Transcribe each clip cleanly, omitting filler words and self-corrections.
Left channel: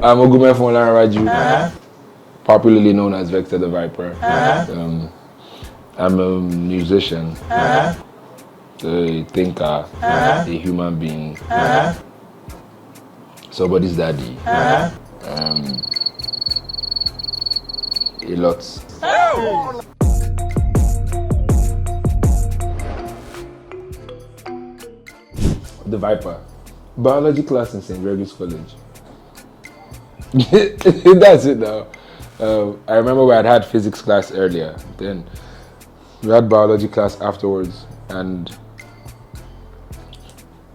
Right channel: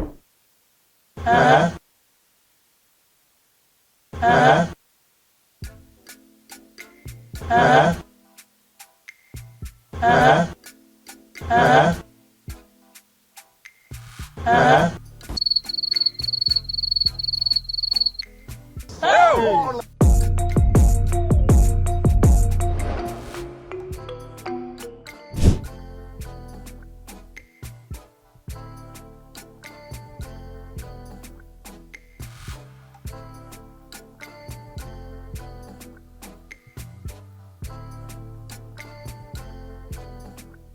I'm Ogunmefun Olanrewaju, popularly known as Vector the Viper. I'm a musician, a thinker, a human being, somebody's daddy, a lot. The Viper. Biology class in St. Gregory's College. That's it now. I remember we had physics class earlier. Then we had biology class afterwards, and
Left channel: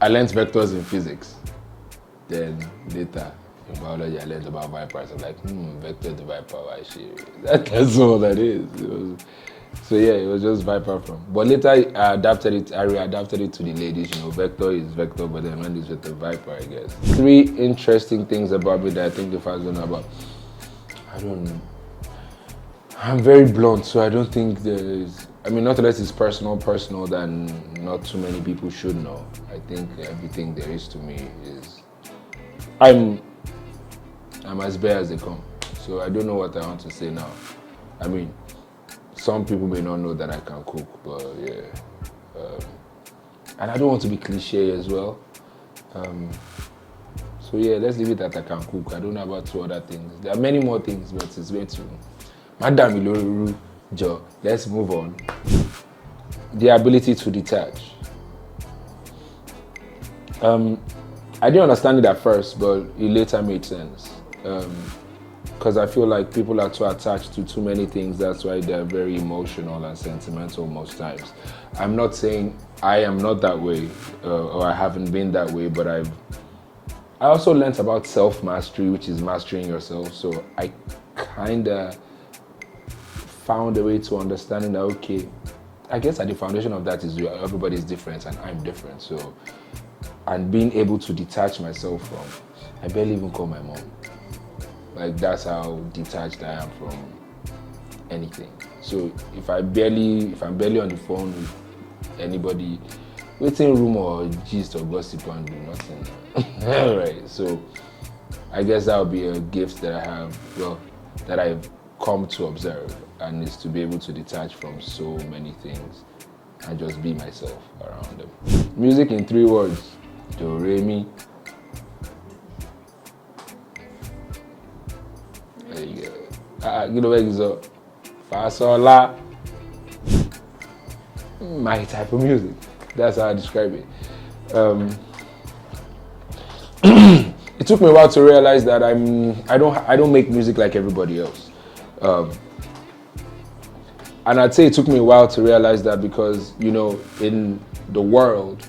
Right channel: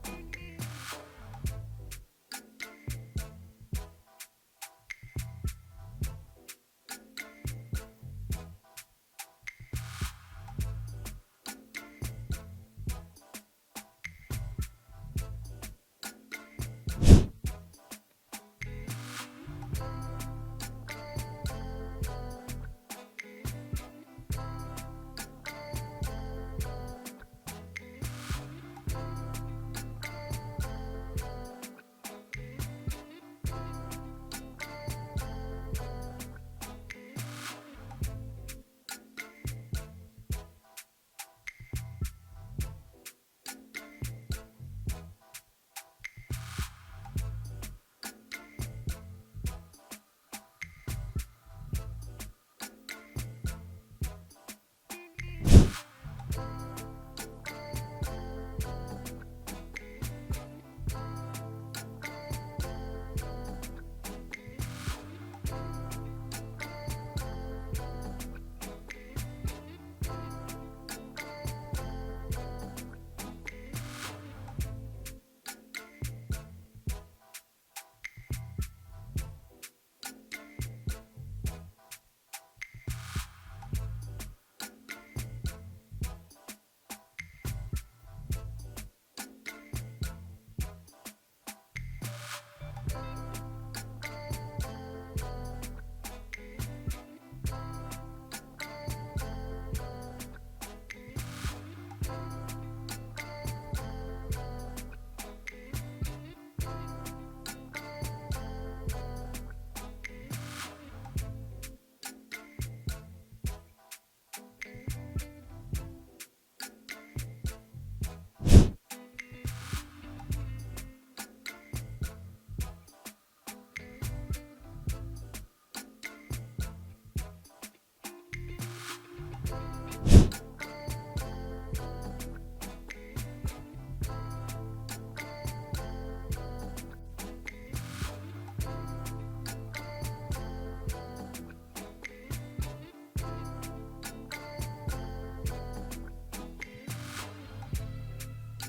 I learned vectors in physics. Then later in biology, I learned about vipers. I'm like, vector the viper. That's all that is. So yeah, it was just viper from. But later I readapted it to the ladies. Vector is vector, but then when it's with the viper, I guess. 3 interesting things about me that I think the fans don't know about. I don't know. I'm very blunt, so I don't think there is. Not unless it's personal, then not too many people should know. I think everything there is to me is. I'm as bare as they come. So I don't know what I want to say now. Some people may not know that I can cook, but yeah. And I don't want to be cliche as well. So yeah, let's leave it at I can cook. I don't know about 2 other things. There are many more things, but it's going to. Madam Iloruru, Joe, let's move on. The ability to detach. I didn't understand it at first, but it later made sense. Because I feel like people are too attached to too many things. That's why they're very emotional and sentimental most times. I'm not saying I am not that way, or I haven't been that way, but I also learned about self-mastery, which is mastering yourself. So I kind of found a way to understanding that, okay, I guess at the foundation of that is everybody's different and I'm different. So, and being able to detach myself from, I barely even call my mom. Like, that's how detached I am from anything. So if I'm barely on the phone with anybody, waiting room or gist or gossip and do nothing. Alright, so I guess that would be a gift that I have, that I've come to observe, and is to be able to detach from so many things and just be myself around them. Music in 3 words: Do, Re, Mi. There you go. Get away, so Fa, Sol, La. My type of music. That's how I describe it. It took me a while to realize that I don't make music like everybody else. And I'd say it took me a while to realize that because, in the world,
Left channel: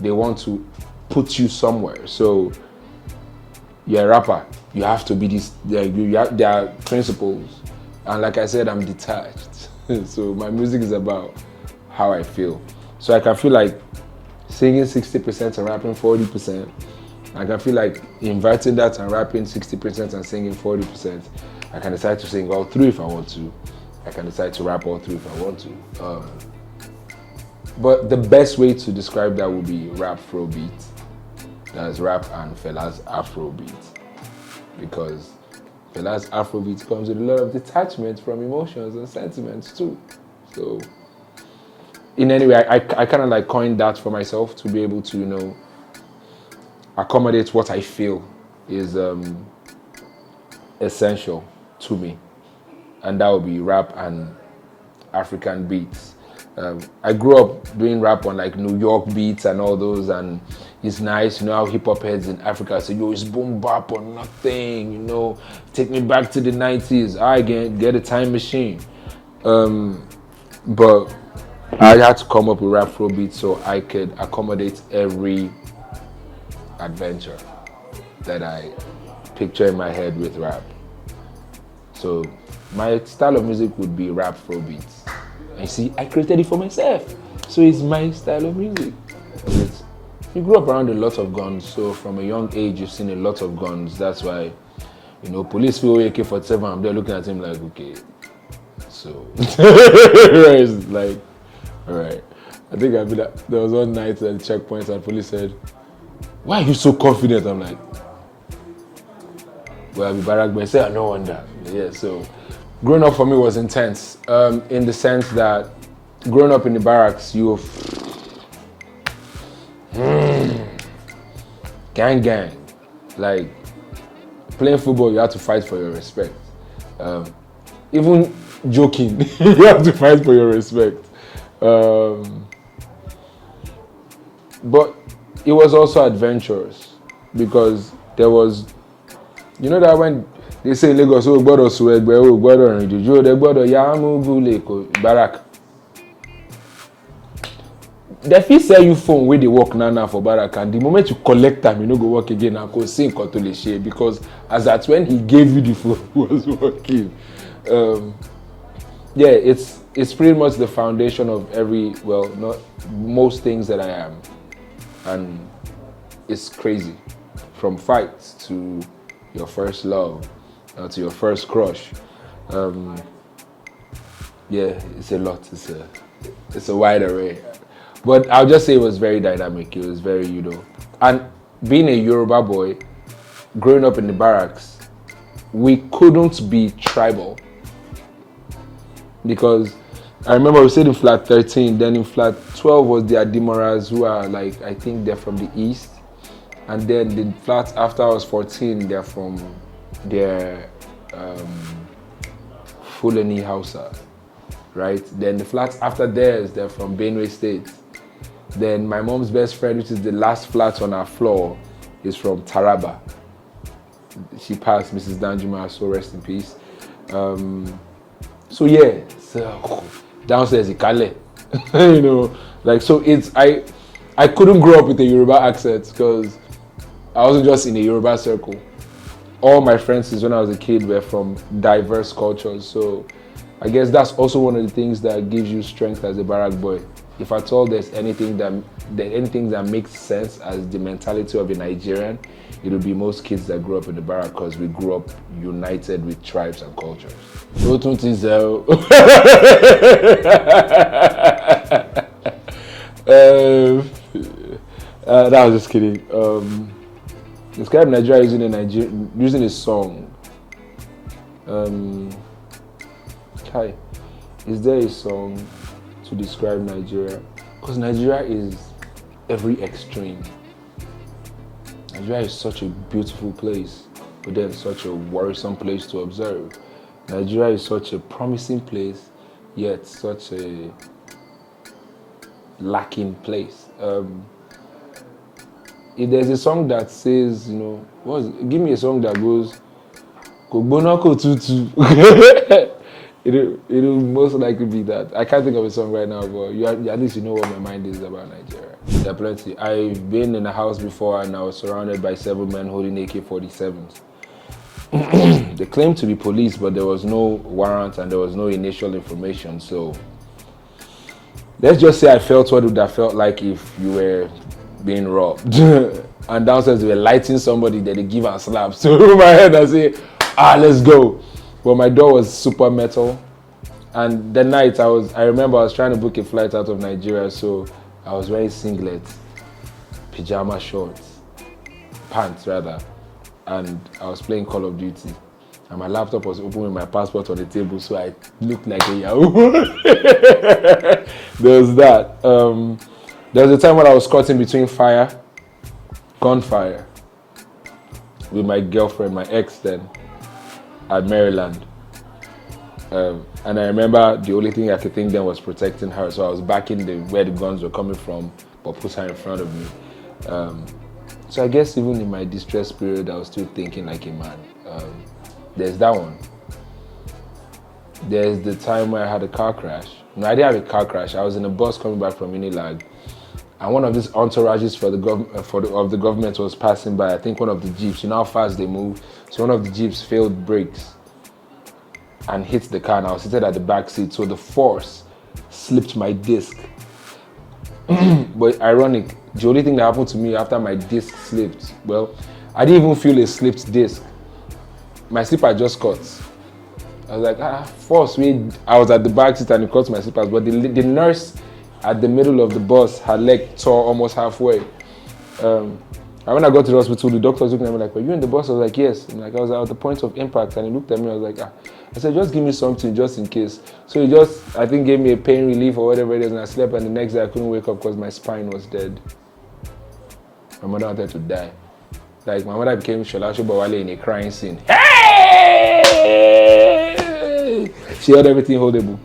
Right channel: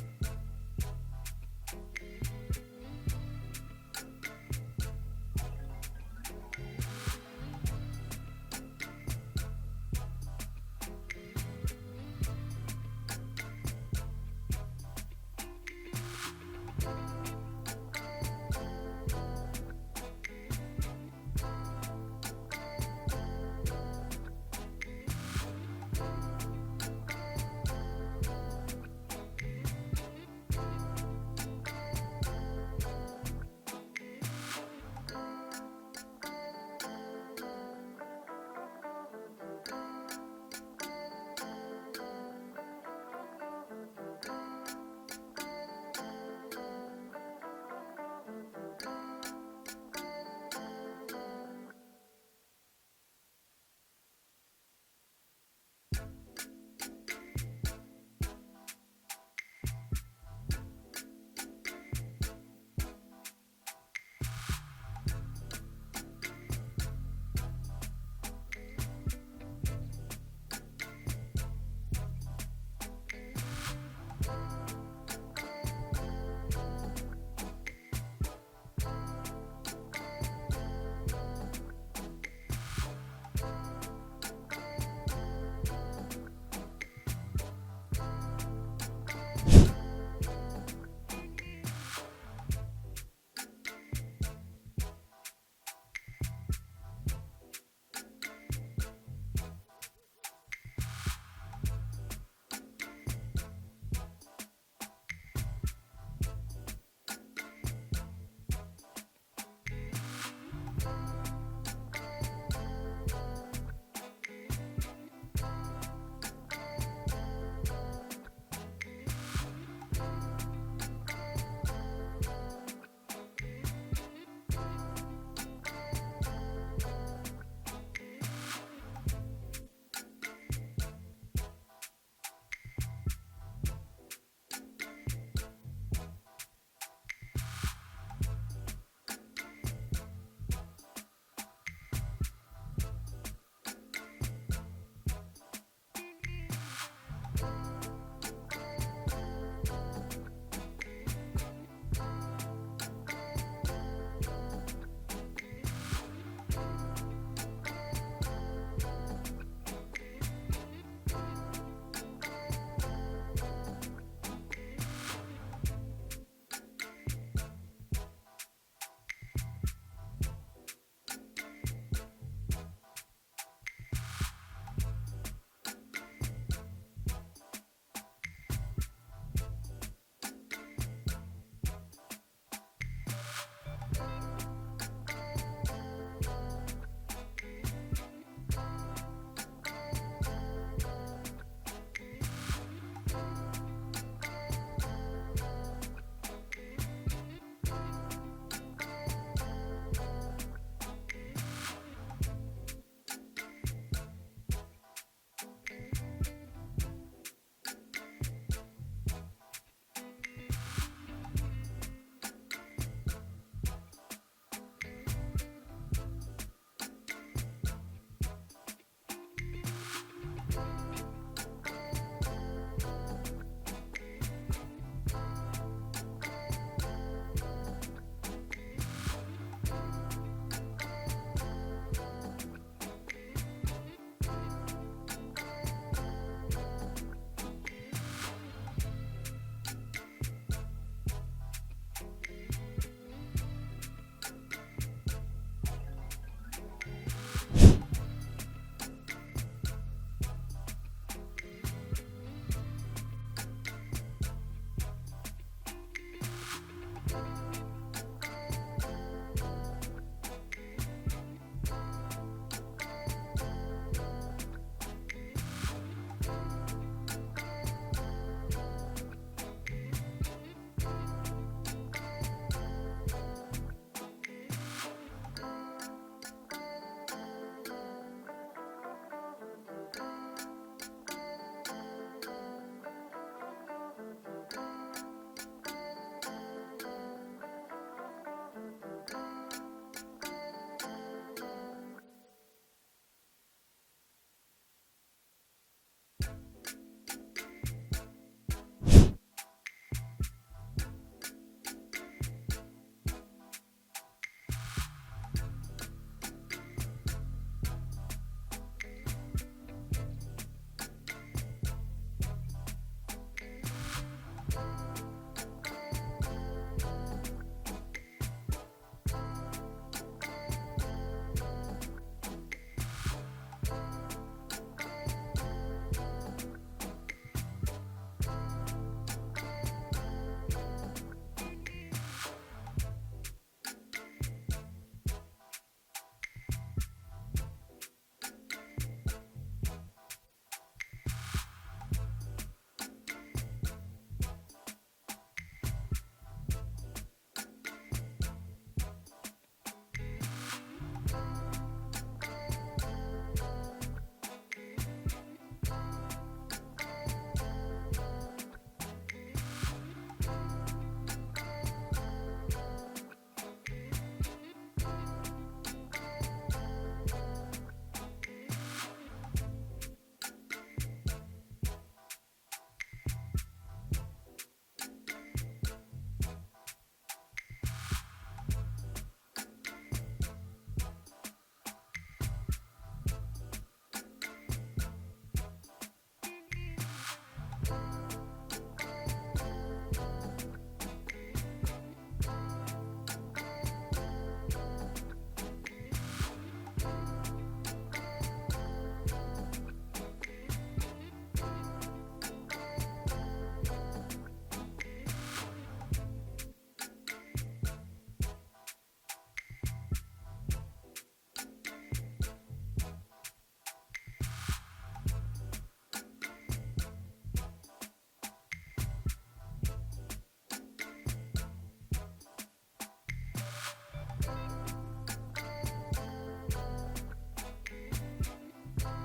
they want to put you somewhere. So you're a rapper, you have to be this, there are principles. And like I said, I'm detached. So my music is about how I feel. So I can feel like singing 60% and rapping 40%. I can feel like inverting that and rapping 60% and singing 40%. I can decide to sing all 3 if I want to. I can decide to rap all 3 if I want to. But the best way to describe that would be rap Afrobeat. That's rap and Fela's Afrobeat. Because Fela's Afrobeat comes with a lot of detachment from emotions and sentiments too. So, in any way, I kind of like coined that for myself to be able to, accommodate what I feel is essential to me. And that would be rap and African beats. I grew up doing rap on like New York beats and all those, and it's nice, how hip hop heads in Africa say, it's boom bap or nothing, take me back to the 90s, I get a time machine. But I had to come up with rap Afrobeat so I could accommodate every adventure that I picture in my head with rap. So my style of music would be rap Afrobeats. And you see, I created it for myself. So it's my style of music. You grew up around a lot of guns, so from a young age you've seen a lot of guns. That's why, police feel AK-47, I'm there looking at him like, okay. So, it's like, all right. I think there was one night at the checkpoint and police said, why are you so confident? I'm like, Well, I'll be barrack boy. Say, I no wonder. Yeah, so growing up for me was intense. In the sense that growing up in the barracks, you gang. Like playing football, you have to fight for your respect. Even joking, you have to fight for your respect. But it was also adventurous because there was, you know that when they say in Lagos, oh, gbọ́dọ̀ sùn ẹgbẹ́, oh, gbọ́dọ̀ rìn jùjú, they gbọ́dọ̀ yá múgú lẹ́kọ̀ọ́ barrack. They fit sell you phone where they work now for barrack, and the moment you collect them, you no go work again and go sing to the share because as at when he gave you the phone, he was working. Yeah, it's pretty much the foundation of not most things that I am, and it's crazy, from fights to your first love, to your first crush. Yeah, it's a lot. It's a wide array. But I'll just say it was very dynamic. It was very, and being a Yoruba boy, growing up in the barracks, we couldn't be tribal. Because I remember we stayed in flat 13, then in flat 12 was the Adimoras, who are I think they're from the east. And then the flat after I was 14, they're from Fulani Hausa, right? Then the flats after theirs, they're from Benue State. Then my mom's best friend, which is the last flat on our floor, is from Taraba. She passed, Mrs. Danjuma, so rest in peace. So yeah, downstairs Ikale, so it's I couldn't grow up with a Yoruba accent because I wasn't just in a Yoruba circle. All my friends since when I was a kid were from diverse cultures, so I guess that's also one of the things that gives you strength as a barrack boy. If at all there's anything that makes sense as the mentality of a Nigerian, it would be most kids that grew up in the barrack because we grew up united with tribes and cultures. That was just kidding. Describe Nigeria using a song. Hi, is there a song to describe Nigeria? Because Nigeria is every extreme. Nigeria is such a beautiful place, but then such a worrisome place to observe. Nigeria is such a promising place, yet such a lacking place. If there's a song that says, give me a song that goes, Kogbonako tutu. It'll most likely be that. I can't think of a song right now, but at least you know what my mind is about Nigeria. There are plenty. I've been in a house before and I was surrounded by 7 men holding AK-47s. They claimed to be police, but there was no warrant and there was no initial information. So let's just say I felt what it would have felt like if you were being robbed. And downstairs they were lighting somebody that they give a slap. So in my head I say, let's go. But my door was super metal. And the night I remember I was trying to book a flight out of Nigeria, so I was wearing singlets, pajama shorts, pants rather, and I was playing Call of Duty. And my laptop was open with my passport on the table, so I looked like a Yahoo. There was that. There was a time when I was caught in between gunfire, with my girlfriend, my ex then, at Maryland. And I remember the only thing I could think then was protecting her, so I was backing where the guns were coming from, but put her in front of me. So I guess even in my distress period, I was still thinking like a man. There's that one. There's the time where I had a car crash. No, I didn't have a car crash. I was in a bus coming back from Unilag, and one of these entourages of the government was passing by. I think one of the jeeps. You know how fast they move. So one of the jeeps failed brakes and hit the car, and I was seated at the back seat. So the force slipped my disc. But ironic, the only thing that happened to me after my disc slipped, well, I didn't even feel a slipped disc. My slipper just cut. I was like, force me. I was at the back seat and it cut my slippers, but the nurse at the middle of the bus, her leg tore almost halfway. I And when I got to the hospital, the doctor was looking at me like, were you in the bus? I was like, yes. And like, I was at the point of impact, and he looked at me, I was like, I said, just give me something just in case. So he just, I think, gave me a pain relief or whatever it is, and I slept, and the next day I couldn't wake up because my spine was dead. My mother wanted to die. Like, my mother became Shola Shobawale in a crying scene. Hey! She held everything holdable.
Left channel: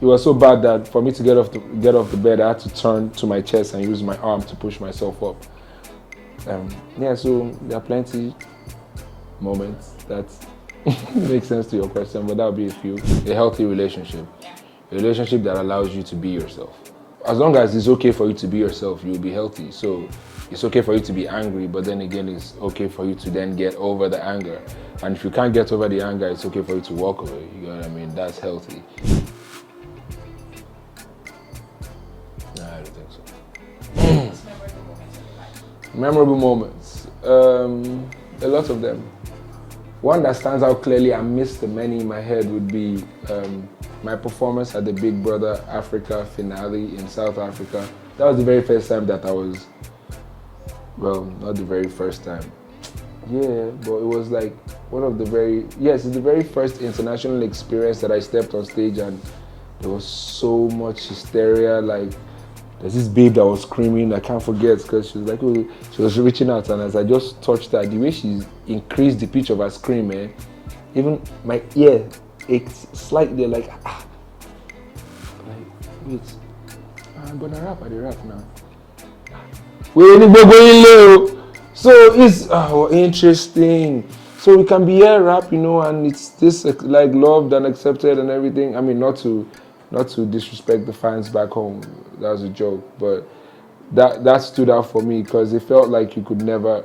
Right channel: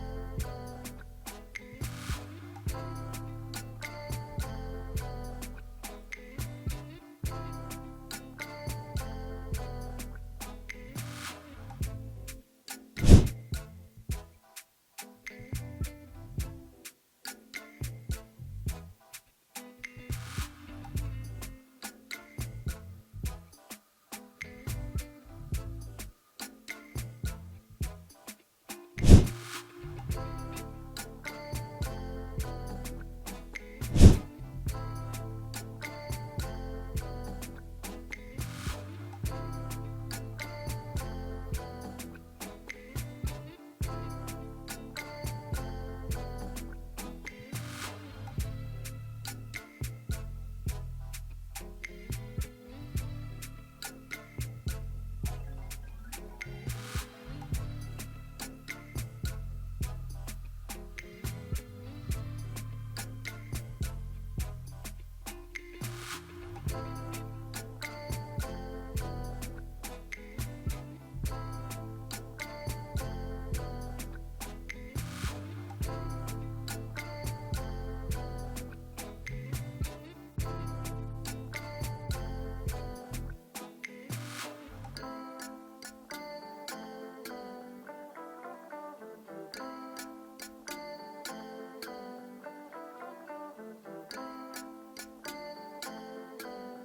It was so bad that for me to get off the bed, I had to turn to my chest and use my arm to push myself up. So there are plenty moments that make sense to your question, but that would be a few. A healthy relationship. A relationship that allows you to be yourself. As long as it's okay for you to be yourself, you'll be healthy. So it's okay for you to be angry, but then again, it's okay for you to then get over the anger. And if you can't get over the anger, it's okay for you to walk away. You know what I mean? That's healthy. Memorable moments. A lot of them. One that stands out clearly, I missed the many in my head, would be my performance at the Big Brother Africa finale in South Africa. That was the very first time that I was, well, not the very first time. Yeah, but it was like one of the it's the very first international experience that I stepped on stage, and there was so much hysteria. Like, there's this babe that was screaming, I can't forget, because she was like, oh, she was reaching out, and as I just touched her, the way she increased the pitch of her scream, even my ear aches slightly, like, wait, I'm gonna rap, I rap now. So it's interesting. So we can be here rap, and it's this like loved and accepted and everything. I mean, not to disrespect the fans back home. That was a joke, but that stood out for me because it felt like you could never.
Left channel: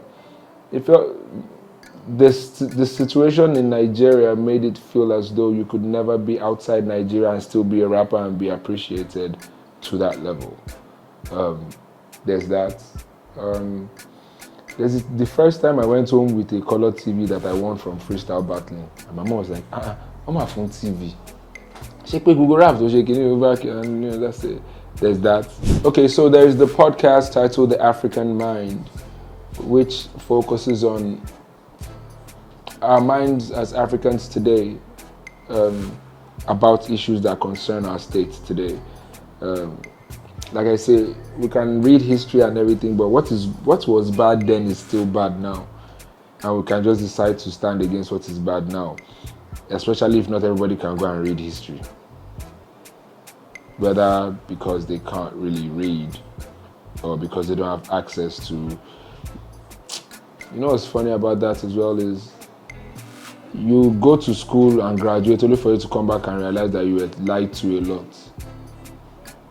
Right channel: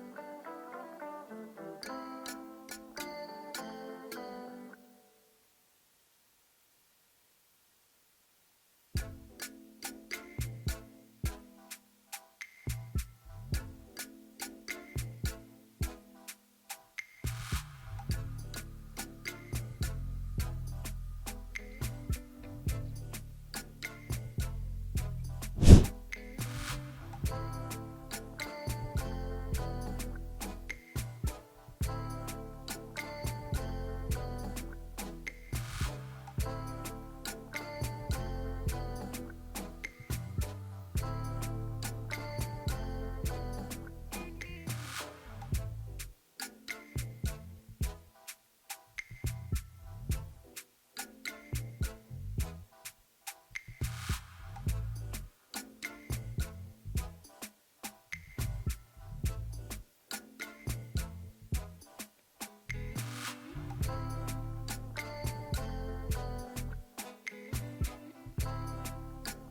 It felt the situation in Nigeria made it feel as though you could never be outside Nigeria and still be a rapper and be appreciated to that level. There's that. There's the first time I went home with a color TV that I won from freestyle battling, and my mom was like, I'm my phone TV. She put Google Rap, so she can over, and that's it. There's that. Okay, so there's the podcast titled The African Mind, which focuses on our minds as Africans today, about issues that concern our state today. Like I say, we can read history and everything, but what was bad then is still bad now. And we can just decide to stand against what is bad now, especially if not everybody can go and read history. Whether because they can't really read or because they don't have access to. What's funny about that as well is you go to school and graduate only for you to come back and realize that you were lied to a lot.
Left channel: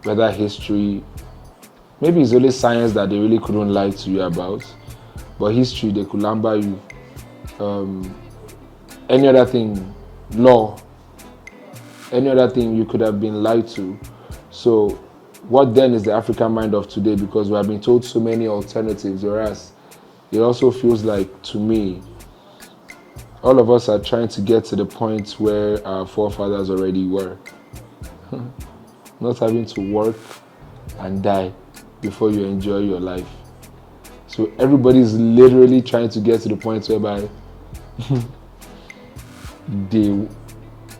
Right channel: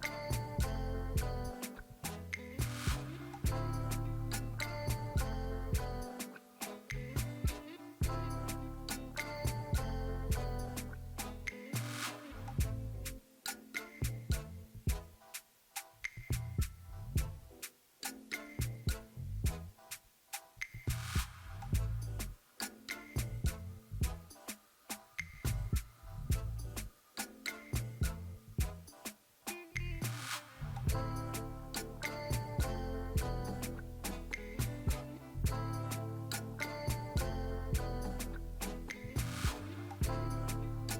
Whether history, maybe it's only science that they really couldn't lie to you about, but history, they could lumber you. Any other thing, law, any other thing you could have been lied to. So what then is the African mind of today? Because we have been told so many alternatives, whereas it also feels like, to me, all of us are trying to get to the point where our forefathers already were. Not having to work and die before you enjoy your life. So everybody's literally trying to get to the point whereby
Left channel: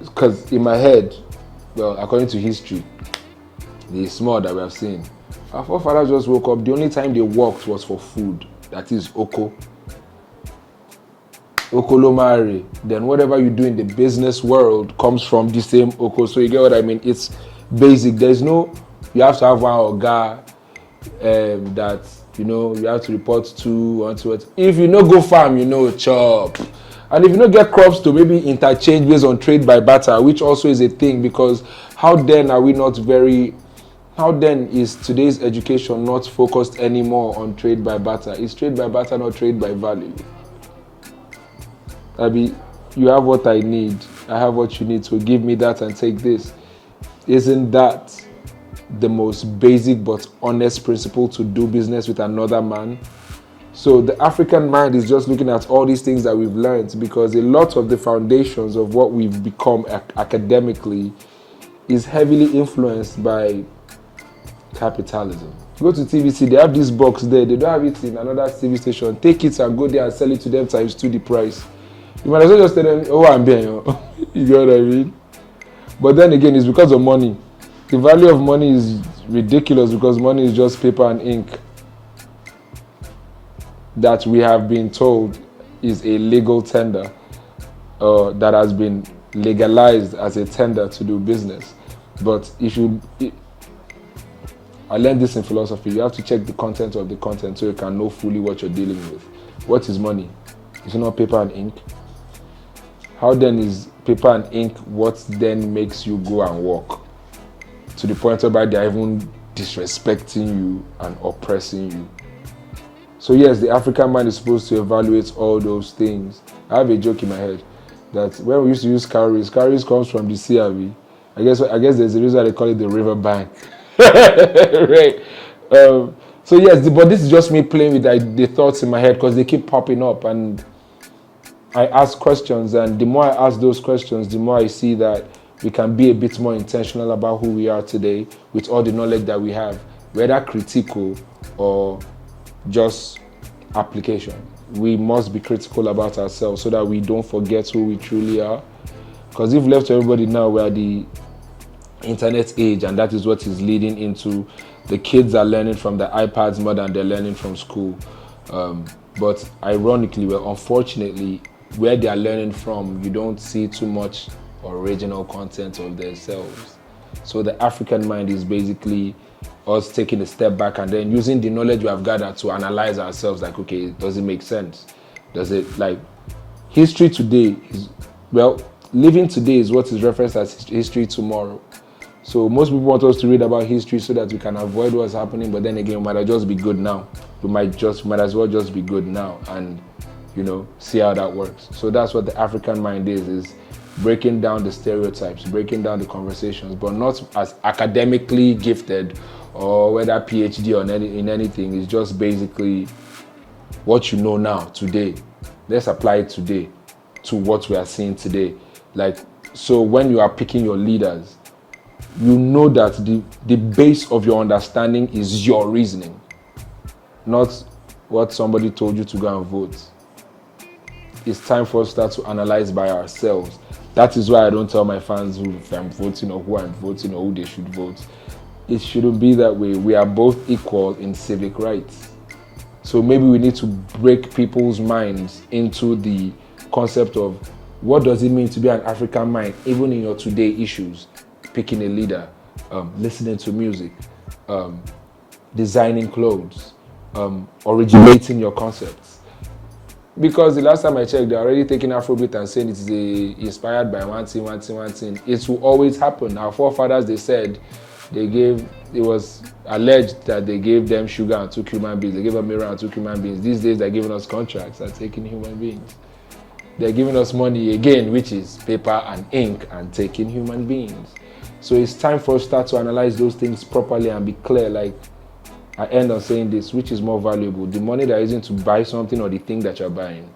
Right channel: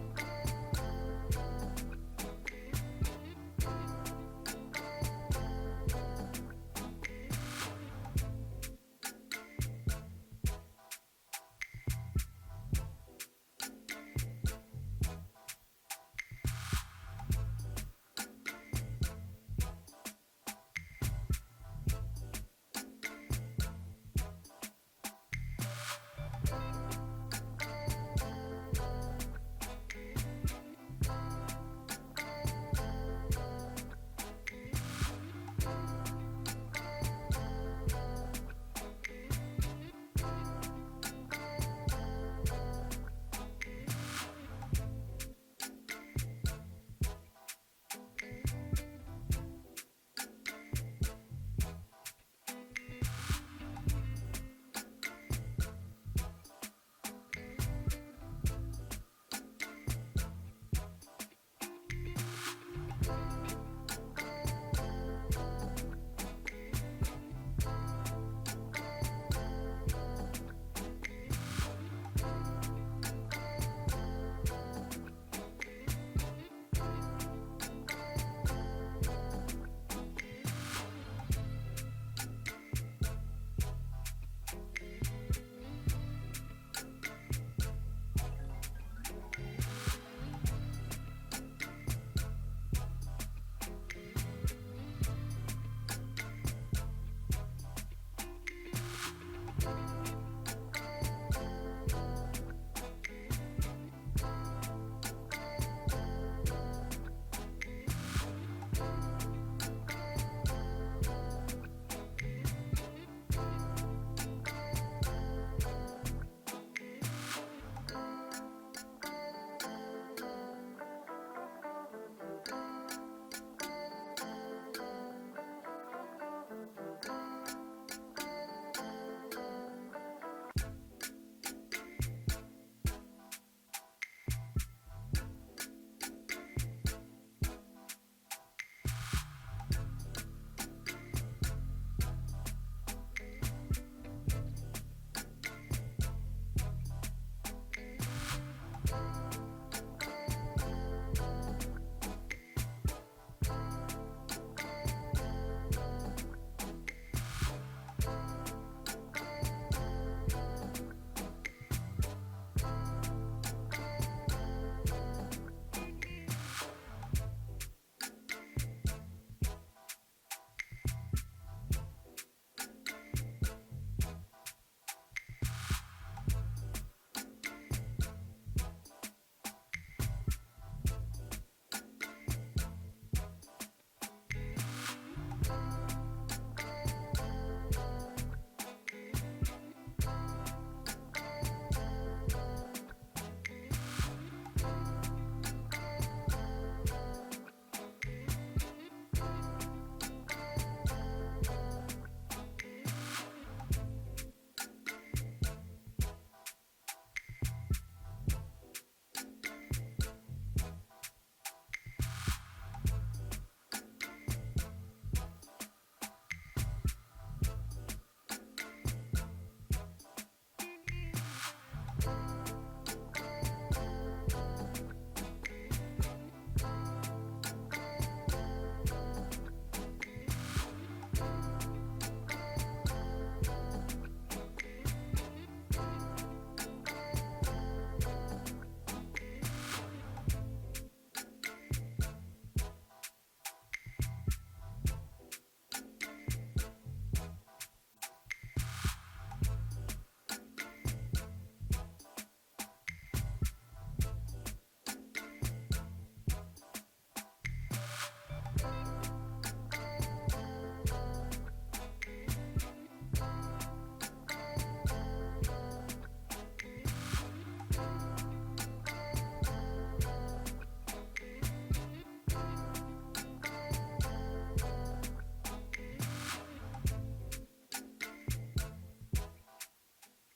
because in my head, well, according to history, the small that we have seen, our forefathers just woke up. The only time they worked was for food. That is oko. Okolomare. Then whatever you do in the business world comes from the same oko. So you get what I mean? It's basic. There's no, you have to have one oga that, you have to report to, onto it. If you go farm, chop. And if you don't get crops to maybe interchange based on trade by barter, which also is a thing, because how then is today's education not focused anymore on trade by barter? Is trade by barter not trade by value? You have what I need, I have what you need, so give me that and take this. Isn't that the most basic but honest principle to do business with another man? So the African mind is just looking at all these things that we've learned, because a lot of the foundations of what we've become academically is heavily influenced by capitalism. Go to TVC, they have this box there. They don't have it in another TV station. Take it and go there and sell it to them times 2 the price. You might as well just tell them, oh, I'm being, you know what I mean? But then again, it's because of money. The value of money is ridiculous because money is just paper and ink that we have been told is a legal tender that has been legalized as a tender to do business. But I learned this in philosophy. You have to check the content of the content so you can know fully what you're dealing with. What is money? Is it not paper and ink? How then is paper and ink what then makes you go and walk? To the point whereby they're even disrespecting you and oppressing you. So yes, the African mind is supposed to evaluate all those things. I have a joke in my head that when we used to use cowries comes from the CRV. I guess there's a reason they call it the river bank. Right. So yes, but this is just me playing with the thoughts in my head because they keep popping up and I ask questions, and the more I ask those questions, the more I see that we can be a bit more intentional about who we are today with all the knowledge that we have, whether critical or just application. We must be critical about ourselves so that we don't forget who we truly are. Because if left to everybody now, we're the internet age, and that is what is leading into the kids are learning from the iPads more than they're learning from school. But ironically, well, unfortunately, where they are learning from, you don't see too much original content of themselves. So the African mind is basically us taking a step back and then using the knowledge we have gathered to analyze ourselves, like, okay, does it make sense? Does it, like, history today is, well, living today is what is referenced as history tomorrow. So most people want us to read about history so that we can avoid what's happening, but then again, we might just be good now. We might as well just be good now and, see how that works. So that's what the African mind is breaking down the stereotypes, breaking down the conversations, but not as academically gifted or whether PhD or in anything. It's just basically what you know now, today. Let's apply it today to what we are seeing today. Like, so when you are picking your leaders, you know that the base of your understanding is your reasoning, not what somebody told you to go and vote. It's time for us to start to analyze by ourselves. That is why I don't tell my fans who I'm voting or who I'm voting or who they should vote. It shouldn't be that way. We are both equal in civic rights. So maybe we need to break people's minds into the concept of what does it mean to be an African mind, even in your today issues. Picking a leader, listening to music, designing clothes, originating your concepts. Because the last time I checked, they're already taking Afrobeat and saying it is inspired by one thing. It will always happen. Our forefathers, they said, it was alleged that they gave them sugar and took human beings. They gave them mirror and took human beings. These days, they're giving us contracts and taking human beings. They're giving us money again, which is paper and ink, and taking human beings. So it's time for us to start to analyze those things properly and be clear. Like, I end on saying this, which is more valuable, the money that you're using to buy something or the thing that you're buying?